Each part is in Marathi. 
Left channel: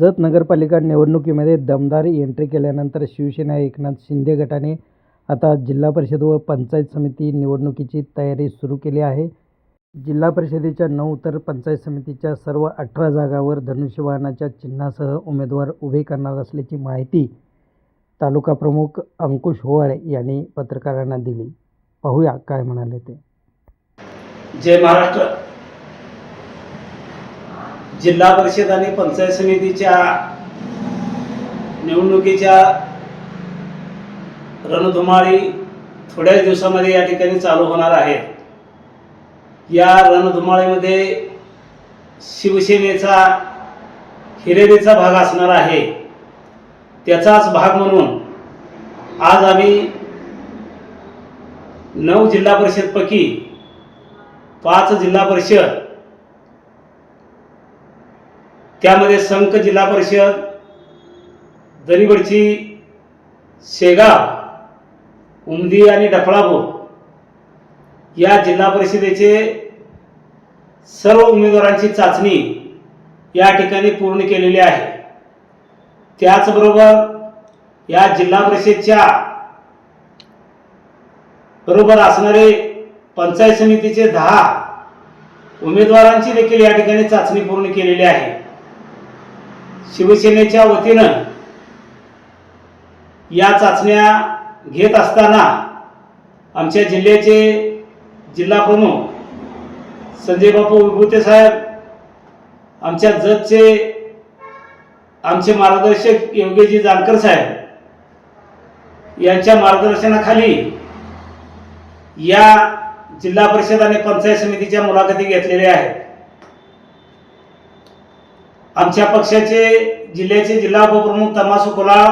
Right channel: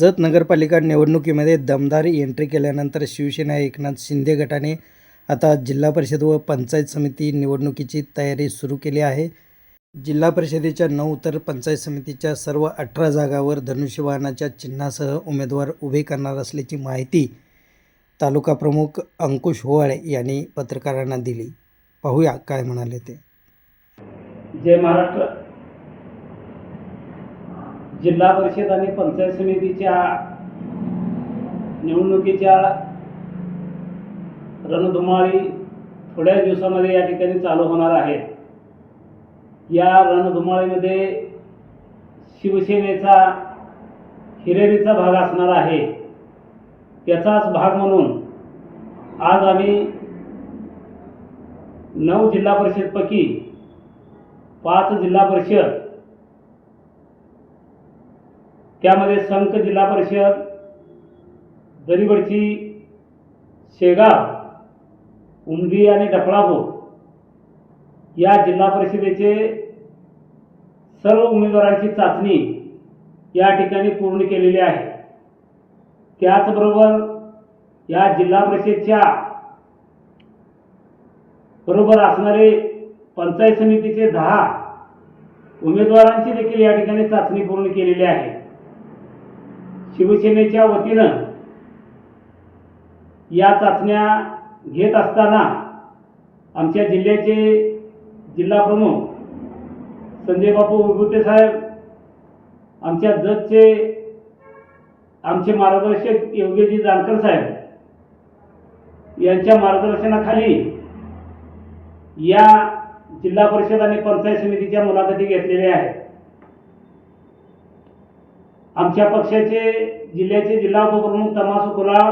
जत नगरपालिका निवडणुकीमध्ये दमदार एंट्री केल्यानंतर शिवसेना एकनाथ शिंदे गटाने आता जिल्हा परिषद व पंचायत समिती निवडणुकीची तयारी सुरू केली आहे। जिल्हा परिषदेच्या 9 तर पंचायत समितीच्या सर्व 18 जागांवर धनुष्यबाणाच्या चिन्हासह उमेदवार उभे करणार असल्याची माहिती तालुका प्रमुख अंकुश होवाळे यांनी पत्रकारांना दिली। पाहूया काय म्हणाले ते। जय महाराष्ट्र। जिल्हा परिषद आणि पंचायत समितीच्या निवडणुकीच्या रणधुमाळी थोड्या दिवसांमध्ये या ठिकाणी चालू होणार आहेत। या रणधुमाळीमध्ये शिवसेनेचा हिरेरीचा भाग असणार आहे। त्याचाच भाग म्हणून आज आम्ही 9 जिल्हा परिषद पैकी 5 जिल्हा परिषद, त्यामध्ये संक जिल्हा परिषद, दरीबडची, शेगाव, उमदी आणि डफळापूर या जिल्हा परिषदेचे सर्व उमेदवारांची चाचणी या ठिकाणी पूर्ण केलेली आहे। त्याचबरोबर या जिल्हा परिषदेच्या बरोबर असणारे पंचायत समितीचे 10 उमेदवारांची देखील या ठिकाणी चाचणी पूर्ण केलेली आहे। शिवसेनेच्या वतीनं या चाचण्या घेत असताना आमच्या जिल्ह्याचे जिल्हा प्रमुख संजय बापू विभूते साहेब, आमच्या जतचे आमचे मार्गदर्शक योगेजी जानकर साहेब यांच्या मार्गदर्शनाखाली या जिल्हा परिषद आणि पंचायत समितीच्या मुलाखती घेतलेल्या आहेत। आमच्या पक्षाचे जिल्ह्याचे जिल्हा उपप्रमुख तमासू कोलाळ,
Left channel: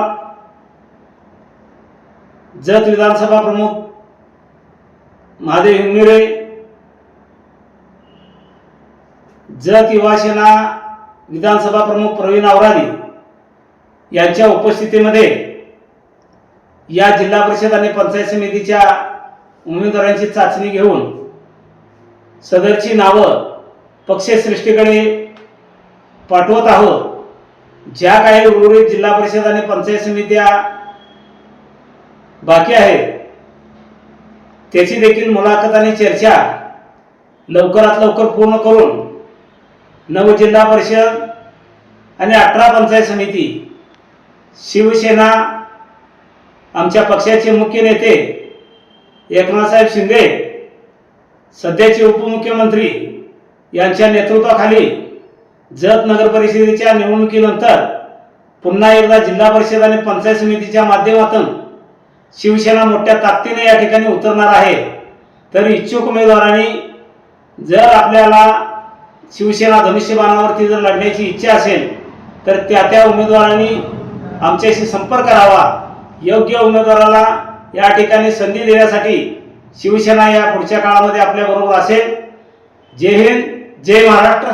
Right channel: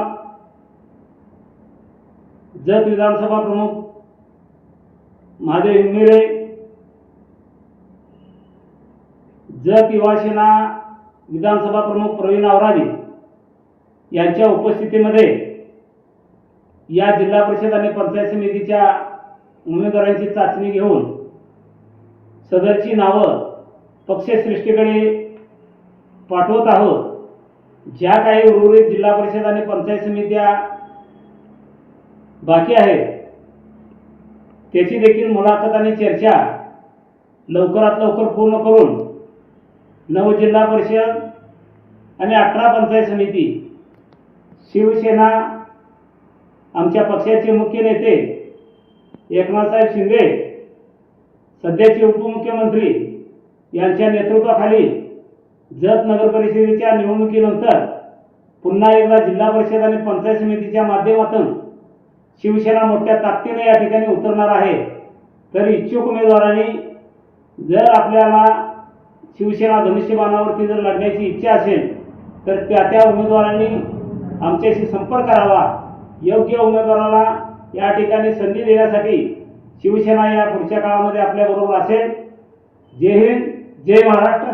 जत विधानसभा प्रमुख महादेव हिंगमिरे, जत युवा सेना विधानसभा प्रमुख प्रवीण आवरादी यांच्या उपस्थितीमध्ये या जिल्हा परिषद आणि पंचायत समितीच्या उमेदवारांची चाचणी घेऊन सदरची नावं पक्षश्रेष्ठीकडे पाठवत आहोत। ज्या काही उर्वरित जिल्हा परिषद आणि पंचायत समित्या बाकी आहेत त्याची देखील मुलाखत आणि चर्चा लवकरात लवकर पूर्ण करून 9 जिल्हा परिषद आणि 18 पंचायत समिती शिवसेना आमच्या पक्षाचे मुख्य नेते एकनाथ शिंदे सध्याचे उपमुख्यमंत्री यांच्या नेतृत्वाखाली जत नगर परिषदेच्या निवडणुकीनंतर पुन्हा एकदा जिल्हा परिषद आणि पंचायत समितीच्या माध्यमातून शिवसेना मोठ्या ताकदीने या ठिकाणी उतरणार आहे। तर इच्छुक उमेदवारांनी जर आपल्याला शिवसेना धनुष्यबाणावरती जर लढण्याची इच्छा असेल तर त्या उमेदवारांनी आमच्याशी संपर्क करावा। योग्य उमेदवाराला या ठिकाणी संधी देण्यासाठी शिवसेना या पुढच्या काळामध्ये आपल्या बरोबर असेल। जय हिंद, जय महाराष्ट्र।